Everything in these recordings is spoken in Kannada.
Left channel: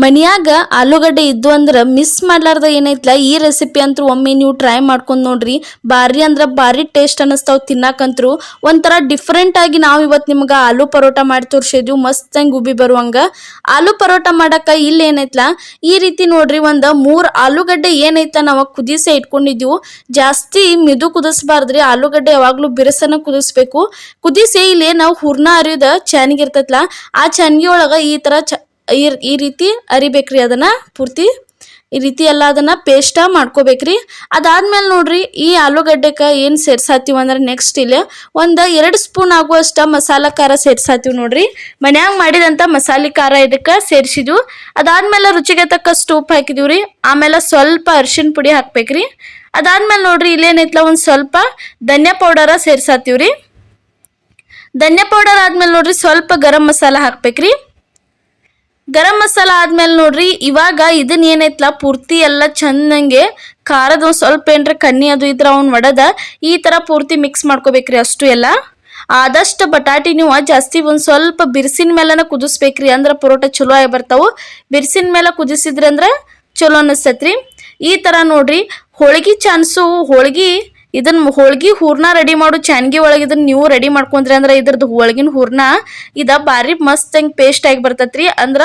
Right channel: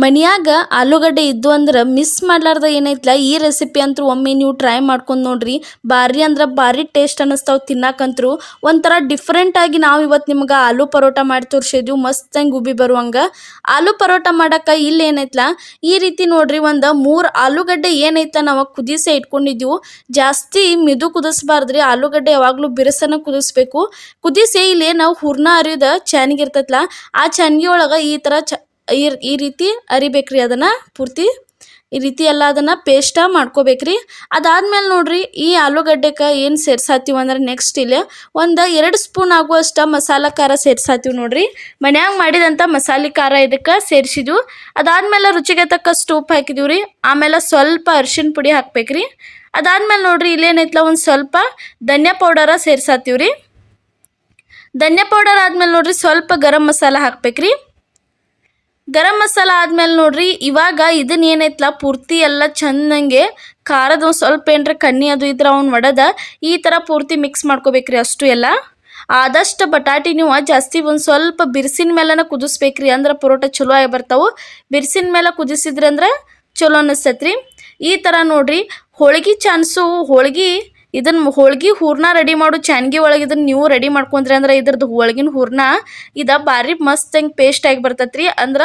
ಮನ್ಯಾಗ ಆಲೂಗಡ್ಡೆ ಇದ್ದು ಅಂದ್ರೆ ಮಿಸ್ ಮಾಡ್ಲಾರ್ದ ಏನೈತ್ಲ ಈ ರೆಸಿಪಿ ಅಂತೂ ಒಮ್ಮೆ ನೀವು ಟ್ರೈ ಮಾಡ್ಕೊಂಡು ನೋಡ್ರಿ. ಭಾರಿ ಅಂದ್ರೆ ಭಾರಿ ಟೇಸ್ಟ್ ಅನ್ನಿಸ್ತಾವ್ ತಿನ್ನಾಕಂತ್ರು. ಒಂಥರ ಡಿಫ್ರೆಂಟ್ ಆಗಿ ನಾವು ಇವತ್ತು ನಿಮ್ಗೆ ಆಲೂ ಪರೋಟ ಮಾಡಿ ತೋರಿಸಿದ್ವಿ, ಮಸ್ತಂಗೆ ಉಬ್ಬಿ ಬರುವಂಗ. ಆಲೂ ಪರೋಟ ಮಾಡಕ್ಕ ಇಲ್ಲಿ ಏನೈತ್ಲ ಈ ರೀತಿ ನೋಡ್ರಿ, ಒಂದು 3 ಆಲೂಗಡ್ಡೆ ಏನೈತ ನಾವು ಕುದಿಸೇ ಇಟ್ಕೊಂಡಿದ್ವು. ಜಾಸ್ತಿ ಮಿದು ಕುದಿಸ್ಬಾರ್ದ್ರಿ, ಆಲೂಗಡ್ಡೆ ಯಾವಾಗ್ಲೂ ಬಿರುಸನ ಕುದಿಸ್ಬೇಕು. ಕುದಿಸಿ ಇಲ್ಲಿ ನಾವು ಹೂರ್ಣ ಅರಿಯೋದ ಚಾನಿಗೆ ಇರ್ತೈತ್ಲ, ಆ ಚಾನಿಗೆ ಒಳಗ ಈ ತರ ಈ ರೀತಿ ಅರಿಬೇಕ್ರಿ. ಅದನ್ನ ಪೂರ್ತಿ ಈ ರೀತಿ ಎಲ್ಲ ಅದನ್ನ ಪೇಸ್ಟ ಮಾಡ್ಕೋಬೇಕ್ರಿ. ಅದಾದ್ಮೇಲೆ ನೋಡ್ರಿ, ಈ ಆಲೂಗಡ್ಡೆಕ ಏನ್ ಸೇರ್ಸಾತೀವಿ ಅಂದ್ರೆ ನೆಕ್ಸ್ಟ್ ಇಲ್ಲಿ ಒಂದು 2 ಸ್ಪೂನ್ ಆಗುವಷ್ಟ ಮಸಾಲಾ ಖಾರ ಸೇರ್ಸಾತೀವಿ ನೋಡ್ರಿ. ಮನ್ಯಾಗ ಮಾಡಿದಂತ ಮಸಾಲೆ ಖಾರ ಇದಕ್ಕೆ ಸೇರಿಸಿದ್ವು. ಅದಾದ್ಮೇಲೆ ರುಚಿಗೆ ತಕ್ಕಷ್ಟು ಉಪ್ಪು ಹಾಕಿದೀವ್ರಿ. ಆಮೇಲೆ ಸ್ವಲ್ಪ ಅರಿಶಿನ ಪುಡಿ ಹಾಕ್ಬೇಕ್ರಿ. ಅದಾದ್ಮೇಲೆ ನೋಡ್ರಿ, ಇಲ್ಲೇನೈತ್ಲ ಒಂದ್ ಸ್ವಲ್ಪ ಧನ್ಯಾ ಪೌಡರ ಸೇರ್ಸಾತೀವ್ರಿ. ಧನ್ಯಾ ಪೌಡರ್ ಆದ್ಮೇಲೆ ನೋಡ್ರಿ ಸ್ವಲ್ಪ ಗರಂ ಮಸಾಲ ಹಾಕ್ಬೇಕ್ರಿ. ಗರಂ ಮಸಾಲ ಆದ್ಮೇಲೆ ನೋಡ್ರಿ, ಇವಾಗ ಇದನ್ನ ಏನೈತ್ಲ ಪೂರ್ತಿ ಎಲ್ಲ ಚಂದಂಗೆ ಖಾರದ ಒಂದು ಸ್ವಲ್ಪ ಏನ್ರ ಕಣ್ಣಿ ಅದು ಇದ್ರ ಅವ್ನ ಒಡದ ಈ ತರ ಪೂರ್ತಿ ಮಿಕ್ಸ್ ಮಾಡ್ಕೋಬೇಕ್ರಿ. ಅಷ್ಟು ಎಲ್ಲ ಆದಷ್ಟು ಬಟಾಟಿ ನೀವು ಜಾಸ್ತಿ ಒಂದು ಸ್ವಲ್ಪ ಬಿರ್ಸಿನ ಮೇಲನ ಕುದಿಸ್ಬೇಕ್ರಿ, ಅಂದ್ರೆ ಪರೋಟ ಚಲೋ ಆಗಿ ಬರ್ತಾವು. ಬಿರ್ಸಿನ ಮೇಲೆ ಕುದಿಸಿದ್ರಿ ಅಂದ್ರೆ ಚಲೋ ಅನಿಸ್ತೈತ್ರಿ. ಈ ತರ ನೋಡ್ರಿ, ಹೋಳಿಗೆ ಚಾನ್ಸು ಹೋಳ್ಗಿ ಹೂರ್ಣ ರೆಡಿ ಮಾಡು ಚಾನ್ಗಿ ಒಳಗೆ ಇದನ್ನ ನೀವು ರೆಡಿ ಮಾಡ್ಕೊಂಡ್ರಿ ಅಂದ್ರೆ ಇದ್ರದ್ದು ಹೋಳ್ಗಿನ ಹೂರ್ಣ ಇದ ಬಾರಿ ಮಸ್ತ್ ಹಂಗೆ ಪೇಸ್ಟ್ ಆಗಿ ಬರ್ತೈತ್ರಿ. ಅಂದ್ರ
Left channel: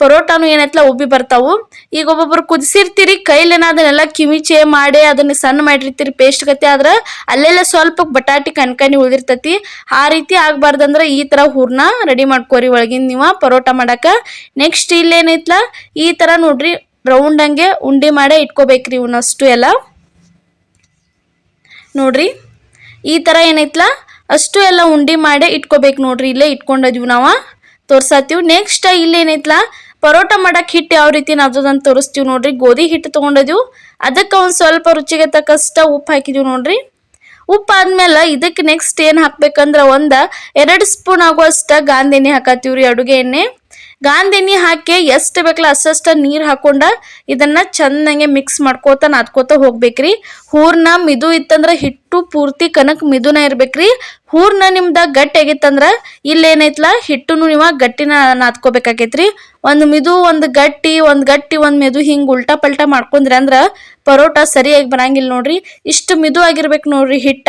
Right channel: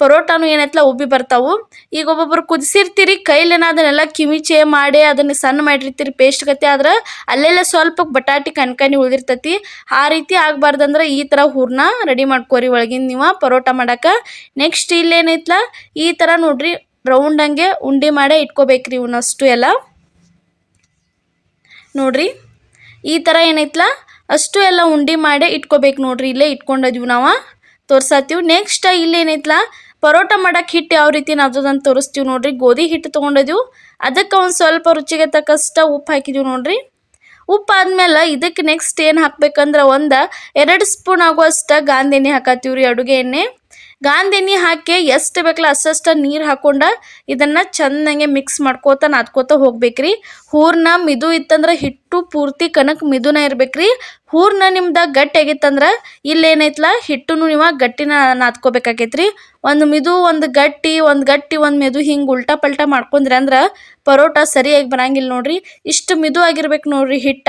ಪರೋಟಾನು ಏನೈತ್ಲ ಉಬ್ಬಿ ಬರ್ತಾವು. ಈಗ ಒಬ್ಬೊಬ್ರು ಕುದಿಸಿರ್ತೀರಿ, ಕೈಲೇನ ಅದನ್ನೆಲ್ಲ ಕಿವಿಚೆ ಮಾಡಿ ಅದನ್ನ ಸಣ್ಣ ಮಾಡಿರ್ತೀರಿ ಪೇಸ್ಟ್ ಗತಿ, ಆದ್ರೆ ಅಲ್ಲೆಲ್ಲ ಸ್ವಲ್ಪ ಬಟಾಟಿ ಕಣ್ಕನಿ ಉಳಿದಿರ್ತೈತಿ. ಆ ರೀತಿ ಆಗ್ಬಾರ್ದಂದ್ರೆ ಈ ತರ ಹೂರ್ಣ ರೆಡಿ ಮಾಡ್ಕೋರಿ ಒಳಗಿನ ನೀವು ಪರೋಟ ಮಾಡಕ. ನೆಕ್ಸ್ಟ್ ಇಲ್ಲೇನೈತ್ಲ ಈ ತರ ನೋಡ್ರಿ, ರೌಂಡ್ ಹಂಗೆ ಉಂಡಿ ಮಾಡೇ ಇಟ್ಕೋಬೇಕ್ರಿ ಇವನ್ನಷ್ಟು ಎಲ್ಲ. ನೋಡ್ರಿ ಈ ತರ ಏನೈತ್ಲ ಅಷ್ಟು ಎಲ್ಲ ಉಂಡಿ ಮಾಡೇ ಇಟ್ಕೋಬೇಕು ನೋಡ್ರಿ. ಇಲ್ಲೇ ಇಟ್ಕೊಂಡಿದ್ವಿ ನಾವು ತೋರ್ಸಾತೀವಿ. ನೆಕ್ಸ್ಟ್ ಇಲ್ಲೇನೈತ್ಲ ಪರೋಟ ಮಾಡಕ್ ಹಿಟ್ಟು ಯಾವ ರೀತಿ ನಾದೋದಂತ ತೋರಿಸ್ತೀವಿ ನೋಡ್ರಿ. ಗೋಧಿ ಹಿಟ್ಟು ತೊಗೊಂಡಿದ್ವಿ, ಅದಕ್ಕೆ ಒಂದು ಸ್ವಲ್ಪ ರುಚಿಗೆ ತಕ್ಕಷ್ಟ ಉಪ್ಪು ಹಾಕಿದೀವಿ ನೋಡ್ರಿ. ಉಪ್ಪು ಆದ್ಮೇಲೆ ಇದಕ್ಕೆ ನೆಕ್ಸ್ಟ್ ಏನು ಹಾಕ್ಬೇಕಂದ್ರೆ 2 ಸ್ಪೂನ್ ಆಗುವಷ್ಟ ಗಾಂಧಿ ಎಣ್ಣೆ ಹಾಕತ್ತೀವ್ರಿ, ಅಡುಗೆ ಎಣ್ಣೆ. ಗಾಂಧಿ ಎಣ್ಣೆ ಹಾಕಿ ಎಷ್ಟು ಬೇಕಲ್ಲ ಅಷ್ಟಷ್ಟ ನೀರು ಹಾಕೊಂಡ ಇದನ್ನ ಚಂದಂಗೆ ಮಿಕ್ಸ್ ಮಾಡ್ಕೋತ ನಾದ್ಕೋತ ಹೋಗ್ಬೇಕ್ರಿ. ಹೂರ್ಣ ಮಿದು ಇತ್ತಂದ್ರೆ ಹಿಟ್ಟು ಪೂರ್ತಿ ಕನಕ್ ಮಿದುನ ಇರ್ಬೇಕ್ರಿ. ಹೂರ್ಣ ನಿಮ್ದ ಗಟ್ಟಿ ಆಗಿತ್ತಂದ್ರ ಇಲ್ಲೇನೈತ್ಲ ಹಿಟ್ಟುನು ನೀವು ಗಟ್ಟಿನ ನಾದ್ಕೋಬೇಕಾಕೈತ್ರಿ. ಒಂದು ಮಿದು ಒಂದು ಗಟ್ಟಿ ಒಂದು ಮೆದು ಹಿಂಗ್ ಉಲ್ಟಾ ಪಲ್ಟಾ ಮಾಡ್ಕೊಂಡ್ರಿ ಅಂದ್ರ ಪರೋಟ ಸರಿಯಾಗಿ ಬರಂಗಿಲ್ಲ ನೋಡ್ರಿ. ಇಷ್ಟು ಮಿದು ಆಗಿರ್ಬೇಕು ನೋಡ್ರಿ ಹಿಟ್ಟ.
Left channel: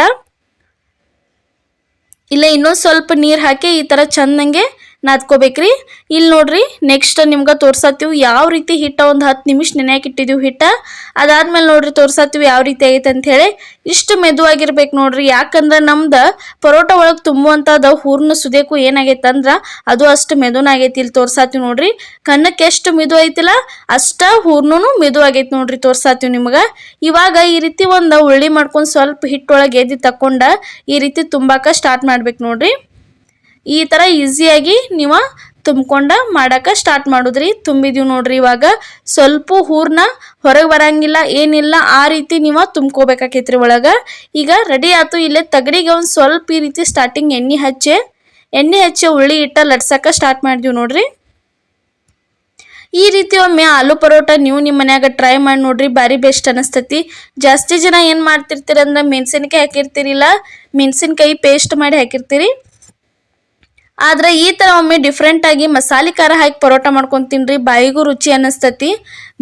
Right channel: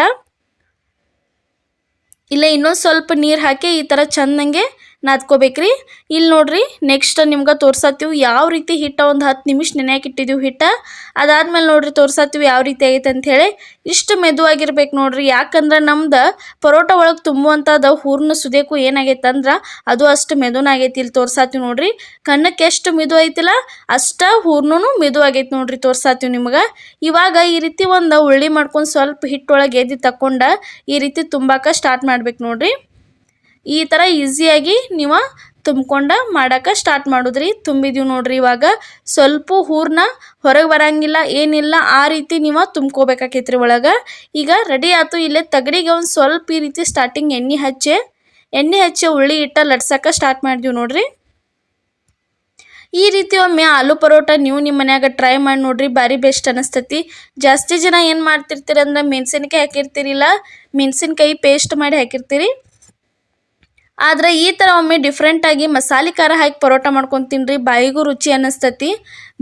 ಇಲ್ಲ ಇನ್ನೊಂದು ಸ್ವಲ್ಪ ನೀರು ಹಾಕಿ ಈ ತರ ಚಂದಂಗೆ ನಾದ್ಕೋಬೇಕ್ರಿ. ಇಲ್ಲಿ ನೋಡ್ರಿ ನೆಕ್ಸ್ಟ್ ನಿಮ್ಗೆ ತೋರ್ಸಾತೀವಿ ಯಾವ ರೀತಿ ಹಿಟ್ಟ ಒಂದು 10 ನಿಮಿಷ ನೆನೆಯಾಕೆ ಇಟ್ಟಿದ್ದೀವಿ ಹಿಟ್ಟ. ಅದಾದ್ಮೇಲೆ ನೋಡ್ರಿ ತೋರ್ಸಾತೀವಿ ಯಾವ ರೀತಿ ಆಗೈತೆ ಅಂತ ಹೇಳಿ. ಇಷ್ಟು ಮೆದುವಾಗಿರ್ಬೇಕು ನೋಡ್ರಿ, ಯಾಕಂದ್ರೆ ನಮ್ದು ಪರೋಟ ಒಳಗೆ ತುಂಬುವಂಥದ್ದು ಹೂರ್ಣ ಸುದೇಕು ಏನಾಗೈತೆ ಅಂದ್ರೆ ಅದು ಅಷ್ಟು ಮೆದುನ ಆಗೈತಿ. ಇಲ್ಲಿ ತೋರ್ಸಾತೀವಿ ನೋಡ್ರಿ, ಕನ್ನಕ್ಕೆ ಎಷ್ಟು ಮಿದು ಐತಿಲ್ಲ ಅಷ್ಟ ಹೂರ್ಣನು ಮಿದು ಆಗೈತಿ ನೋಡ್ರಿ. ತೋರ್ಸಾತೀವಿ ನಿಮ್ಗೆ. ಇವಾಗ ಈ ರೀತಿ ಒಂದು ಉಳ್ಳಿ ಮಾಡ್ಕೊಂಡು ಸ್ವಲ್ಪ ಹಿಟ್ಟೊಳಗೆ ಎದ್ದು ತಕೊಂಡ ಈ ರೀತಿ ತುಂಬಾಕ ಸ್ಟಾರ್ಟ್ ಮಾಡ್ಬೇಕು ನೋಡ್ರಿ. ಈ ತರ ಈಸಿಯಾಗಿ ನೀವು ತುಂಬ್ಕೊಂಡ ಮಾಡಕ ಸ್ಟಾರ್ಟ್ ಮಾಡುದ್ರಿ. ತುಂಬಿದೀವಿ ನೋಡ್ರಿ. ಇವಾಗ ಸ್ವಲ್ಪ ಹೂರ್ಣ ಹೊರಗೆ ಬರಂಗಿಲ್ಲ ಏನಿಲ್ಲ, ಆ ರೀತಿ ನೀವು ತುಂಬ್ಕೋಬೇಕಾಕೈತ್ರಿ ಒಳಗ. ಈಗ ರೆಡಿ ಆಯ್ತು. ಇಲ್ಲೇ ತಗಡಿಗೆ ಒಂದು ಸ್ವಲ್ಪ ಈ ರೀತಿ ಸ್ಟಾರ್ಟಿಂಗ್ ಎಣ್ಣೆ ಹಚ್ಚಿ ಉಳ್ಳಿ ಇಟ್ಟ ಲಟ್ಸಕ ಸ್ಟಾರ್ಟ್ ಮಾಡಿದ್ವಿ ನೋಡ್ರಿ. ಈ ರೀತಿ ಒಮ್ಮೆ ಆಲೂ ಪರೋಟ ನೀವು ನಿಮ್ಮ ಮನ್ಯಾಗ ಟ್ರೈ ಮಾಡಿ ನೋಡ್ರಿ, ಭಾರಿ ಬೆಸ್ಟ್ ಅನಿಸ್ತೈತಿ. ಜಾಸ್ತಿ ಜನ ಏನು ಮಾಡ್ತಿರ್ತೀರಿ ಅಂದ್ರೆ ಮೆಣಸಿನ್ಕಾಯಿ ಹಾಕಿರ್ತೀರಿಲ್ಲ, ಮೆಣಸಿನ್ಕಾಯಿ ಪೇಸ್ಟ್ ಮಾಡಿ ಹಾಕಿರ್ತೀರಿ. ಆದ್ರೆ ಈ ತರ ಒಮ್ಮೆ ಡಿಫ್ರೆಂಟ್ ಆಗಿ ಮಸಾಲೆ ಖಾರ ಹಾಕಿ ಪರೋಟ ಮಾಡ್ಕೊಂಡು ತಿನ್ರಿ, ಬಾಯಿಗೂ ರುಚಿ ಅನ್ನಿಸ್ತತಿ.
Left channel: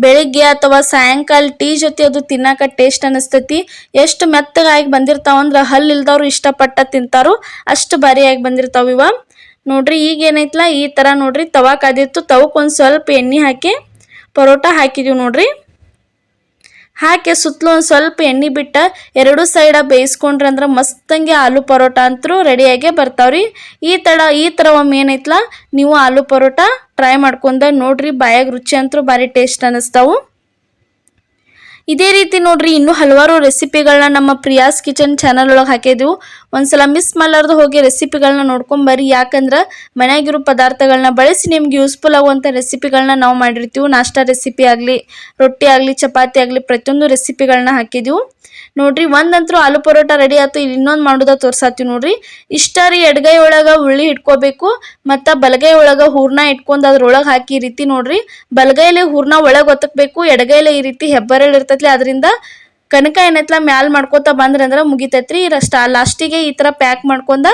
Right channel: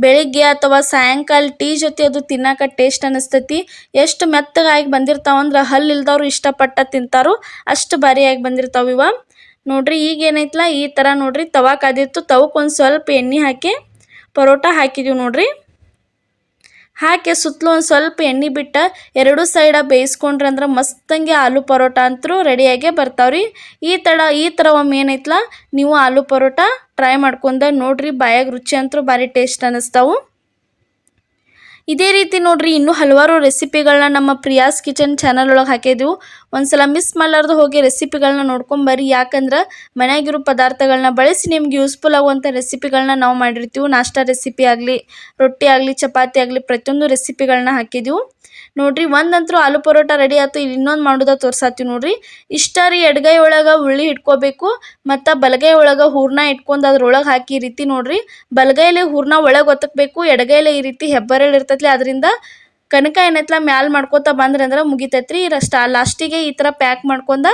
ಬೆಳಿಗ್ಗೆ ಅಥವಾ ಸಾಯಂಕಾಲ ಟೀ ಜೊತೆ ಅದು ತಿನ್ನಾಕ ಟೇಸ್ಟ್ ಅನ್ನಿಸ್ತತಿ. ಎಷ್ಟು ಮೆತ್ತಗಾಗಿ ಬಂದಿರ್ತಾವಂದ್ರೆ ಹಲ್ಲು ಇಲ್ದವ್ರು ಇಷ್ಟಪಟ್ಟ ತಿಂತಾರು, ಅಷ್ಟು ಭಾರಿಯಾಗಿ ಬಂದಿರ್ತಾವ ಇವ ನೋಡ್ರಿ. ಈಗ ಏನೈತ್ಲ ಈ ತರ ನೋಡ್ರಿ, ತವಾ ಕಾದಿತ್ತು, ತವಕ್ಕೆ ಒಂದು ಸ್ವಲ್ಪ ಎಣ್ಣೆ ಹಾಕಿ ಪರೋಟ ಹಾಕಿದೀವಿ ನೋಡ್ರಿ. ಹಾಕಿ ಸುತ್ತಲೂ ಒಂದು ಸ್ವಲ್ಪ ಎಣ್ಣೆ ಬಿಟ್ಟ 2 ಸೈಡ ಬೇಯಿಸ್ಕೊಂಡ್ರಿ ಅಂದ್ರೆ ಮಸ್ತಂಗೆ ಆಲೂ ಪರೋಟ ಅಂತರೂ ರೆಡಿಯಾಗೇ ಬರ್ತಾವ್ರಿ. ಈ ಥರ ಒಮ್ಮೆ ಏನೈತ್ಲ ನೀವು ಆಲೂ ಪರೋಟ ಟ್ರೈ ಮಾಡ್ಕೊಂಡ ನೋಡ್ರಿ, ಬಾಯಾಗ ರುಚಿ ಅಂತರೂ ಭಾರಿ ಟೇಸ್ಟ್ ಅನ್ನಿಸ್ತಾವು. ಇದೇ ರೀತಿ ನೋಡ್ರಿ ಇನ್ನೂ ಹಲವಾರು ರೆಸಿಪಿಗಳನ್ನ ನಮ್ಮ ಪ್ರಿಯಾಸ್ ಕಿಚನ್ ಚಾನಲ್ ಒಳಗೆ ಹಾಕಿದ್ವು. ಒಂದ್ಸಲ ಮಿಸ್ ಮಾಡಲಾರ್ದು ಹೋಗಿ ರೆಸಿಪಿಗಳನ್ನ ನೋಡ್ಕೊಂಬರ್ರಿ. ಯಾಕಂದ್ರೆ ಮನೆಯಾಗಿರೋ ಪದಾರ್ಥಗಳನ್ನ ಬಳಸಿ ನಿಮ್ಗೆ ಯೂಸ್ಫುಲ್ ಆಗುವಂಥ ರೆಸಿಪಿಗಳನ್ನ ನಾವು ಮಾಡಿರ್ತೀವಿ. ನಾಷ್ಟಾ ರೆಸಿಪಿ ಆಗಲಿ, ರೊಟ್ಟಿ ಆಗಲಿ, ಚಪಾತಿ ಆಗಲಿ, ಪ್ರತಿಯೊಂದು ರೆಸಿಪಿಗಳನ್ನ ಹಾಕಿದ್ವು ನೋಡ್ರಿ. ಒಂದಂತರೂ ಆಲೂ ಪರೋಟ ರೆಡಿ ಆಯ್ತು. ಇಲ್ಲಿ ಇನ್ನೊಂದು ಮಾಡೋದ ತೋರ್ಸಾತೀವಿ ನೋಡ್ರಿ. ಇಷ್ಟ ರೀ, ಎಡಗೈ ಒಳಗೆ ಉಳ್ಳಿ ಇಟ್ಕೋಬೇಕು, ಮತ್ತು ಬಲಗೈ ಒಳಗೆ ಹೂರ್ಣ ಇಟ್ಕೊಂಡು ಅದ್ರೊಳಗೆ ಹಾಕಿ ಈ ರೀತಿ ನೋಡ್ರಿ. ಬಲಗೈಲಿ ಹೂರ್ಣ ಒಳಗೆ ಒತ್ತಬೇಕು, ಎಡಗೈಲಿ ಈ ರೀತಿ ಹೆಬ್ಬರಳು ಇರ್ತೈತಿ ಅದರಿಂದ ಕನಕ ಏನೈತ್ಲ ಮ್ಯಾಲ್ ಮಾಡ್ಕೋತ ಬಂದ್ರಿ ಅಂದ್ರೆ ಮುಗಿತೈತ್ರಿ. ಲಾಸ್ಟಿಗೆ ಈ ಥರ ಪ್ಯಾಕ್ ಮಾಡ್ಕೊಂಡ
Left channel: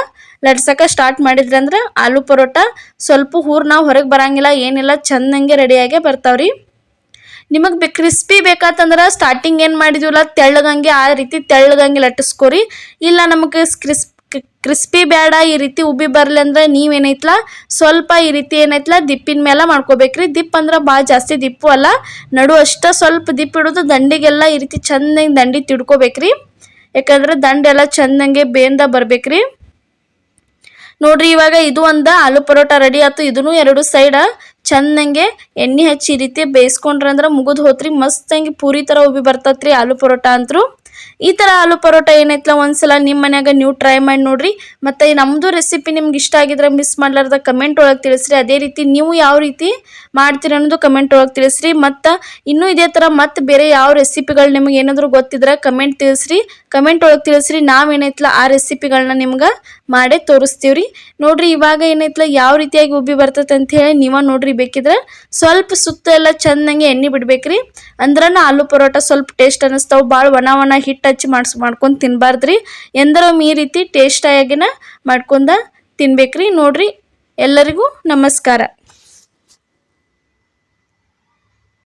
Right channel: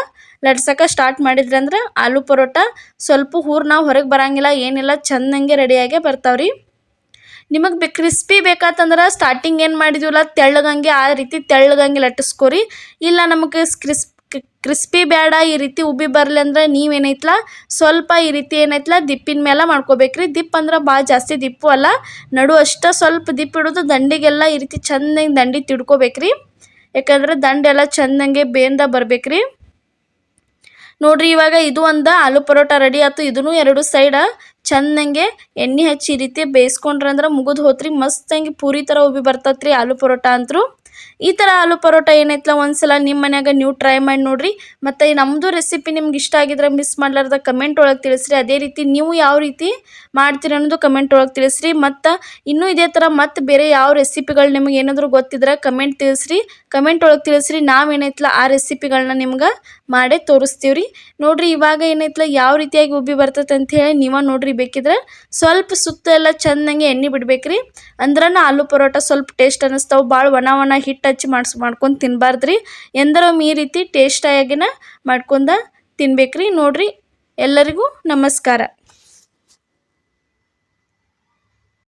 ಲಟ್ಸಕ್ಕೆ ಸ್ಟಾರ್ಟ್ ಮಾಡಿದ್ರಿ ಅಂದ್ರೆ ಆಲೂ ಪರೋಟ ಸ್ವಲ್ಪ ಹೂರ್ನ ಹೊರಗೆ ಬರಂಗಿಲ್ಲ, ಏನಿಲ್ಲ, ಚಂದಂಗೆ ರೆಡಿಯಾಗೆ ಬರ್ತಾವ್ರಿ. ನಿಮಗೆ ಕ್ರಿಸ್ಪಿ ಬೇಕಾತಂದ್ರೆ ಸ್ಟಾರ್ಟಿಂಗ್ ಏನು ಮಾಡಿದ್ವಲ್ಲ ತೆಳ್ಳಗಂಗೆ ಆ ರೀತಿ ತೆಳ್ಳಗಂಗೆ ಲಟ್ಟಿಸ್ಕೊರಿ. ಇಲ್ಲ ನಮಗೆ ಕ್ರಿಸ್ಪಿ ಬೇಡ, ಈ ರೀತಿ ಉಬ್ಬಿ ಬರಲಿ ಅಂದ್ರೆ ನೀವೇನೈತ್ಲ ಸ್ವಲ್ಪ ಈ ರೀತಿ ಏನೈತ್ಲ ದಿಪ್ಪಿನ ಮೇಲೆ ಮಾಡ್ಕೋಬೇಕ್ರಿ. ದಿಪ್ ಅಂದ್ರೆ ಭಾಳ ಜಾಸ್ತಿ ದಿಪ್ಪು ಅಲ್ಲ, ನಡು ಅಷ್ಟ ಸ್ವಲ್ಪ ದಿಪ್ಪು ಇಡೋದು, ದಂಡಿಗೆಲ್ಲ ಈ ರೀತಿ ಚಂದಂಗೆ ದಂಡಿ ತಿಡ್ಕೋಬೇಕ್ರಿ. ಯಾಕಂದ್ರೆ ದಂಡೆಲ್ಲ ಚಂದಂಗೆ ಬೇಂದ ಬರ್ಬೇಕ್ರಿ. ನೋಡ್ರಿ ಇವಾಗ ಇದು ಒಂದು ಆಲೂ ಪರೋಟ ರೆಡಿ ಆಯ್ತು. ಇದನ್ನು 2 ಸೈಡ ಚಂದಂಗೆ ಎಣ್ಣೆ ಹಚ್ಚಿ ಈ ರೀತಿ ಬೇಯಿಸ್ಕೊಂಡ್ರೆ ಅಂದ್ರೆ ಮುಗಿದು ಹೋತ್ರಿ. ಮಸ್ತಂಗೆ ಪೂರಿ ಥರ ಉಬ್ಬಿ ಬರ್ತತ್ರಿ ಆಲೂ ಪರೋಟ ಅಂತರೂ. ಈ ಥರ ಆಲೂ ಪರೋಟ ಏನೈತ್ಲ ಒಂದ್ಸಲ ನಿಮ್ಮ ಮನ್ಯಾಗ ನೀವು ಟ್ರೈ ಮಾಡಿ ನೋಡ್ರಿ. ಮತ್ತು ನಮ್ಮದು ರೆಸಿಪಿ ನಿಮ್ಗೆ ಇಷ್ಟ ಆಗಿದ್ರೆ ಮಿಸ್ ಮಾಡ್ಲಾರ್ದ ಕಮೆಂಟ್ ಒಳಗೆ ತಿಳಿಸ್ರಿ. ಅದೇ ರೀತಿ ನೀವು ಯಾವ ರೀತಿ ಮಾಡ್ತೀರಿ ಅನ್ನೋದು ಕಮೆಂಟ್ ಒಳಗೆ ತಿಳಿಸ್ರಿ. ಮತ್ತು ಇನ್ನೂ ಇದೇ ಥರ ಮತ್ತು ಬೇರೆ ಯಾವ ರೆಸಿಪಿಗಳು ನಿಮಗೆ ಏನಾದರೂ ಗೊತ್ತಿದ್ರೆ ಕಮೆಂಟ್ ಒಳಗೆ ತಿಳಿಸ್ರಿ. ನಾವೇನೈತ್ಲ ಆ ರೆಸಿಪಿಗಳನ್ನ ನಿಮ್ಗೆ ಮಾಡೇ ತೋರಿಸ್ತೀವ್ರಿ. ನೋಡ್ರಿ ಇವಾಗ ಏನೈತ್ಲ ಯಾವ ರೀತಿಯಾಗಿ ಉಬ್ಬಿ ಬರ್ತೈತೆ ಅಂತ ಹೇಳಿ ನೀವ ನೋಡ್ರಿ. ಬೇಕಿದ್ರೆ ಸ್ವಲ್ಪ ಸುತ್ತ ಎಲ್ಲ ಚಂದಂಗೆ ಎಣ್ಣೆ ಬಿಡ್ಬೇಕ್ರಿ. ಅಂದ್ರನ ಆಲೂ ಪರೋಟ ಸ್ವಲ್ಪ ಟೇಸ್ಟ್ ಅನ್ನಿಸ್ತಾವೆ. ಭಾಳ ಒಣ ಹಿಟ್ಟು ಹಚ್ಚಿ ಮಾಡ್ಕೊಂಡು ತಿನ್ಬಾರ್ದ್ರಿ. ಎಂದರೊಮ್ಮೆ ಈ ರೀತಿ ಟೇಸ್ಟಾಗಿನ ಮಾಡ್ಕೊಂಡ ತಿನ್ಬೇಕ್ರಿ. ನೋಡ್ರಿ ಎಲ್ಲರಿಗೂ ನಮಸ್ಕಾರ.